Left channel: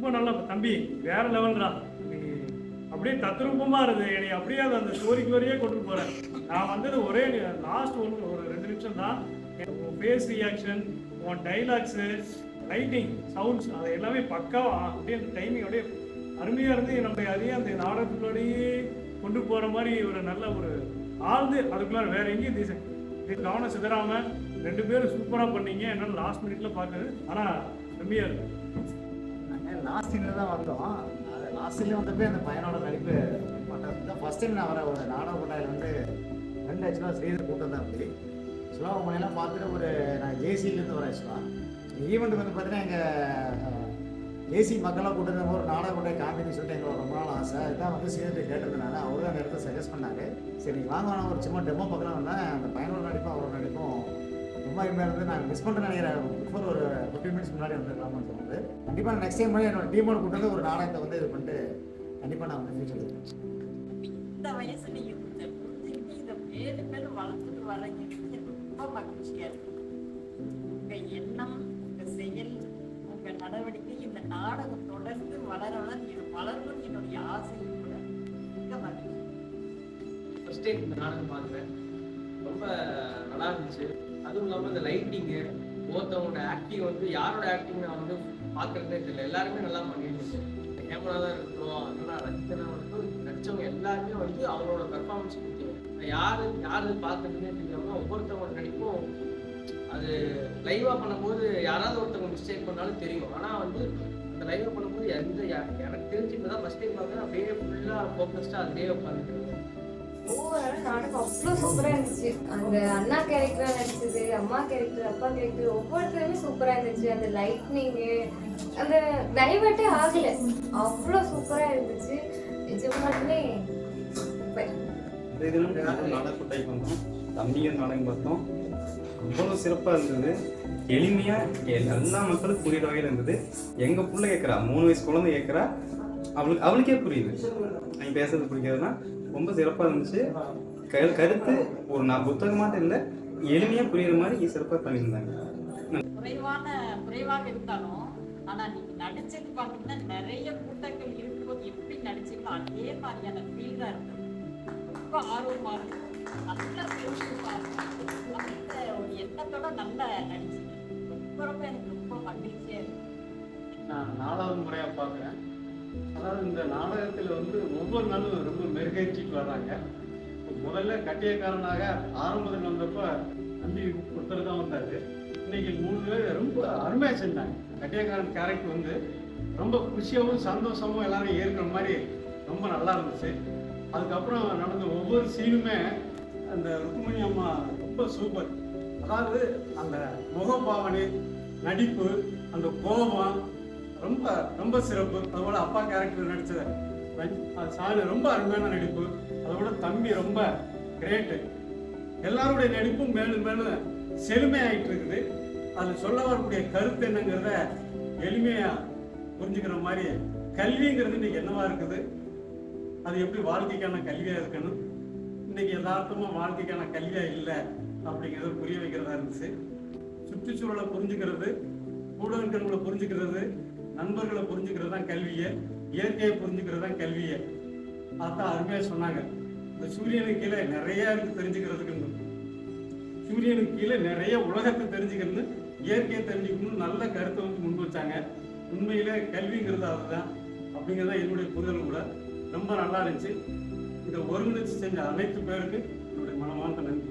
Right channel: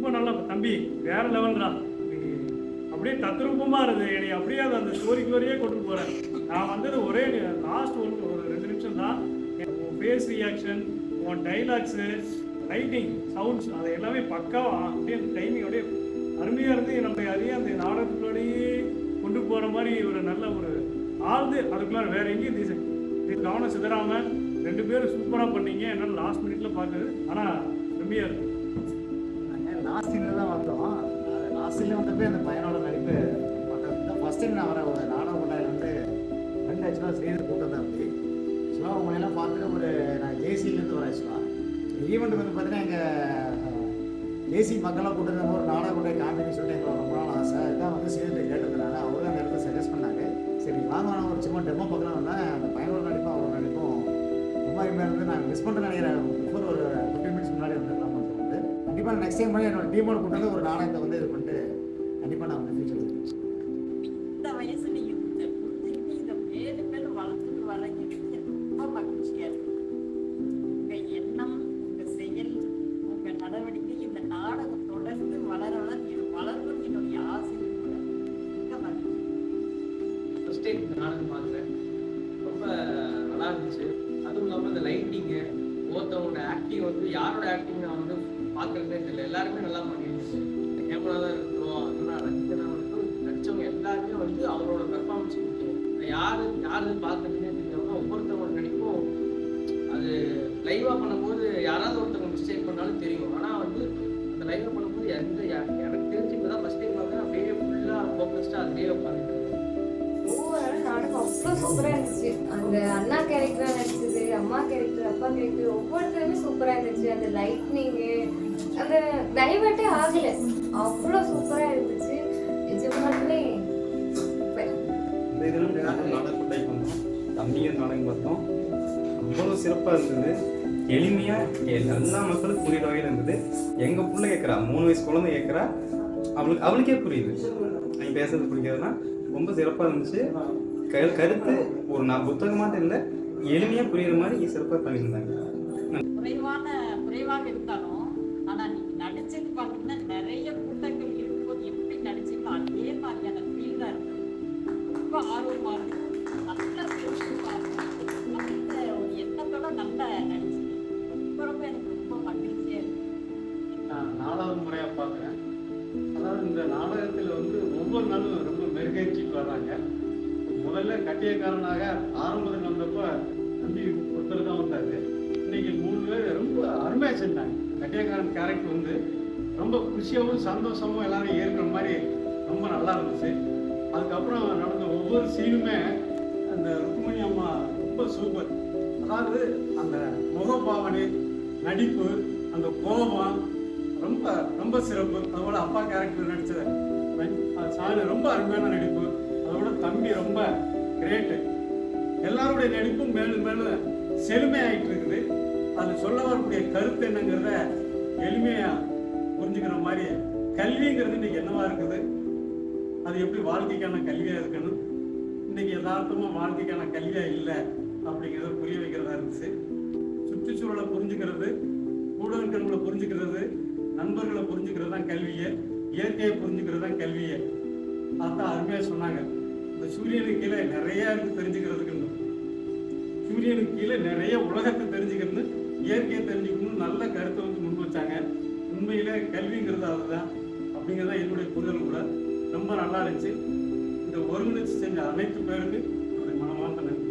ரொம்ப நல்லா தம்பி வேற லெவல்ரா, அப்படியே தத்ரூபமாக இருக்குது. என்னை அப்படியே அந்த ஸ்டோரிக்கு வரையே கொண்டு போகிறேன். நான் வந்தது ஒரே லாஸ்ட் ஒரு 2 நிமிஷம் தான். உன் ஃபேஸ் ரியாக்ஷன், உன் டைலாக்ஸு, லைட்டிங், சவுண்ட்ஸ், அது எல்லாமே பக்காவாக அப்படியே அந்த டைமிங் அப்படியே அருமையாக இருந்து நம்ம அதையே அந்த நாடகத்துக்குள்ளேயே கொண்டு போகிற மாதிரி ஒரு நல்ல ஒரு ஆழ்ந்து அதுக்குள்ளார வேற எங்கேயும் இது கவனம் சிதறாமல் 2 பேரும் சூப்பராக பண்ணீங்க. என்னால் லாஸ்ட் மினிட்ல பார்க்குறது, ஆனால் செம்மையாக இருக்கு. நாங்கள் லாஸ்ட் சீனில் தான் வந்தோம். அது லாஸ்ட் சீனில் வந்தப்போ அந்த பையனோட நடிப்பு ஃபஸ்ட் டைம் நான் வர ஒரு நாடக கொட்டாயில் வந்து ஃப்ரெண்ட் ஆக்சுவலாக ஸ்ரீதர் கூட்டம் தான். அப்படி ஆக்சுவலாக உங்களெல்லாம் பார்த்துட்டு நான் ஜேசியிலேருந்து வரேன். ஆக்சுவலாக ஈவெண்ட்டுக்கு வந்து பார்த்தீங்கன்னா எங்கள் ஜேசி மக்களாக கூட்டம் ஒரு நாடக கொட்டை காமின்னு சொல்லிட்டு எங்களுக்கு ரொம்ப நாள் ஆசை. இதுதான் வந்து ஸ்ரீதர் கேட்டிருந்தனால அவர் தான் அந்த இடத்த சஜஸ்ட் பண்ணார். சரி வாங்க ஒரு சும்மா டெமோ பார்க்கலாம் வந்தேன். அந்த பையனோட நடிப்பும் அவரோட நடிப்பும் ரொம்ப அருமையாக இருந்து நாங்கள் மிஸ் பண்ணுறேன்னு நினைக்கிறேன். பிஃபோர் ஒரு 15 மினிட்ஸ் முன்னாடி வந்துருக்கலாம்னு தோணுது. கண்டிப்பாக நான் நெக்ஸ்ட் டைம் பண்ணி என்னோட டீமோட கூட்டு வந்து ஒரு நாடகத்தை வந்து இது பண்ணிட்டு கண்டிப்பாக நான் வந்து ஃபியூச்சர் இருக்கேன். இந்த வயசு நீங்கள் புரிஞ்சுக்கிட்டு இதை மேலும் மேலும் வளர்த்துட்டு வரங்கிறது ரொம்ப மகிழ்ச்சியாக இருக்கு. உங்கள் எண்ணம், உங்கள் செயல், உங்கள் நடவடிக்கை இந்த நாடகம் தொடர்ந்து வளர வளரணும் என்னுடைய ஆசையும் கூட மிக மகிழ்ச்சி. ஃபர்ஸ்ட் டைம் இந்த நாடகம் பார்க்குறேன், ரொம்ப நல்லா இருந்துச்சு. அதுவும் இல்லாமல் இந்த லைட்டிங்கு, ஒருத்தவங்களோட ஆக்டிங் வந்து யாரோட ஆக்டிங் நான் வந்து பார்க்குறதே தெரியல. எல்லாருமே நல்லா பண்ணியிருந்துச்சு. கேமரா தான் இருக்கட்டும், அதெல்லாம் ரசிகனா இருக்கட்டும், நடித்தவங்க எல்லாருமே வந்து அவரோட பெர்ஃபார்மன்ஸ் கொடுத்தோம். யாரு பார்க்குறதுனே தெரியாமல் ஒவ்வொருத்தவங்களோட நடிப்பும் அது லைவாக பண்ணும்போது யாராவது ஒருத்தவங்க மிஸ்டேக் பண்ணாலும் தெரியும். ஆனால் வந்து அந்த லைவாக பண்ணும்போது எனக்கு தெரிஞ்சு இப்போ தான் ஃபஸ்ட் டைம் பார்க்குறேன். அப்படியே ஃபுல்லாக ஃபோக்கஸ்டாக அதுலேயே உட்காந்துட்டு ஓவரால் நாடகம் அவ்வளோ சூப்பராக இருந்துச்சு. அந்த அண்ணா கேரக்டராக நடிச்சது, அம்மா கேரக்டர், அப்பா கேரக்டர் ஒவ்வொருத்தருமே சூப்பராக இருந்துச்சு. அந்த லைட்னிங்கு, அந்த டைவர்ட்டே ஆகலை, அவ்வளோ சூப்பராக இருந்துச்சு. நிஜமாலுமே இந்த இதில் நாடக கொட்டாய்க்கு வந்தோம், தம்பிங்க நாடகம் பார்த்தோம். அவ்வளோ சிறப்பாக இருந்தது. எளிமையாக எல்லா மக்களுக்கும் புரியுற வகையில் இருந்தது. எங்கள் பிள்ளை கேட்குறா, 3 வயசு குழந்தை கேட்குறா, அவளுக்கே புரியுது. நீங்கள் பேசுறது பிடிக்காதுன்னா ரொம்ப சிறப்பாக இருந்துச்சு. கருத்து ஒரு புத்தகமாட்ட இல்லை, எளிமையாக புரியுற மாதிரி சிறப்பாக பண்ணியிருந்தாங்க. குறைவாக இருந்தாலும் ஆனால் நீங்கள் நடிச்சது பார்த்தீங்கன்னா நிறைய கூட்டங்கள் இருக்கும்போது எப்படி நடிச்சீங்களோ அதே மாதிரியான ஃபீல் தான் இருந்தது. ரொம்ப ஆர்வமாக இருக்கும், நல்ல சுறுசுறுப்பாக இருக்கும், அந்த ஒரு எண்ணத்தோட நல்லா நடிச்சீங்க. ரொம்ப எனக்கு ரொம்ப மகிழ்ச்சியாக இருக்கு. நான் 4வது முறையாக பார்க்குறேன். அதாவது இந்த நாடகத்தில் வந்து ஒவ்வொரு நாளும் ரொம்ப மெருகேற்றிட்டு வர்றாங்க. முதல்ல கட்டியக்காரனாக ஆரம்பத்தில் வந்தப்போ தம்பி ஒருத்தர் தான் வந்தார். இன்னைக்கு 3 பேர் ரொம்ப அருமையாக செஞ்சாங்க. கட்டியக்காரன் கேரக்டர் வந்து ரொம்ப குஷியாகவும் சந்தோஷமும் எல்லாரும் ஏற்கிற மாதிரி ரொம்ப நல்லா இருந்துச்சு. அதுக்கப்புறம் நடந்த ஒவ்வொரு சீனுமே அந்த ருக்மணி அம்மா ரொம்ப சூப்பர். அதாவது அந்த முகபாவனை, நடிப்பு, அந்த கோபம் ரொம்ப ரொம்ப சிறப்பு. அதோட அப்பா கேரக்டர் நடிச்சது சாலு ரொம்ப அருமையான நடிப்பு. அதோட தம்பி ரொம்ப கிரேட்டு. எல்லாருடைய நடிப்பும் மேலும் மேலும் செழுமையாயிட்டு இருக்குது. அது சொல்ல வரக்கூடிய கருத்து என்னங்கிறத எளிமையா புரிஞ்சுக்கிற மாதிரி கல்விங்கிறது இன்னைக்கு என்னவா இருக்குது, அது எப்படி வாழ்க்கைக்கான கல்வியா இருக்கணும், இன்னைக்கு யதார்த்தமா வாழ்க்கைக்கான கல்வியா இல்லை அப்படிங்கிறத புரிய வைக்கிறதா இருந்துச்சு. சுற்றுச்சூழலை புரிஞ்சுக்கிறது, கூட இருக்கிறவங்களை புரிஞ்சுக்கிறது, நண்பர்களை புரிஞ்சுக்கிறது தான் கல்வியை, இயற்கையை புரிஞ்சுக்கிறது தான் கல்வியை. அதான் அருமையாக சொன்னாங்க. இந்த சூரியனுக்கு கீழே நிறைய இருக்கு தெரிஞ்சுக்கிறதுக்குன்னு, சூரியனுக்கு கீழே நிறைய உலகத்தை தெரிஞ்சுக்கணும்னு, இயற்கையை தெரிஞ்சுக்கணும்னு நல்ல கருத்தை வந்து முன் வச்சாங்க. உண்மையிலே கல்விங்கிறது அதுதான் அப்படிங்கிறத என்னுடைய புரிதல் கூட ரொம்ப நல்லா இருந்துச்சு. இதை ஒருங்கிணைச்சு செஞ்ச அனைத்து பேருக்கு என்னுடைய மனமார்ந்த நன்றி.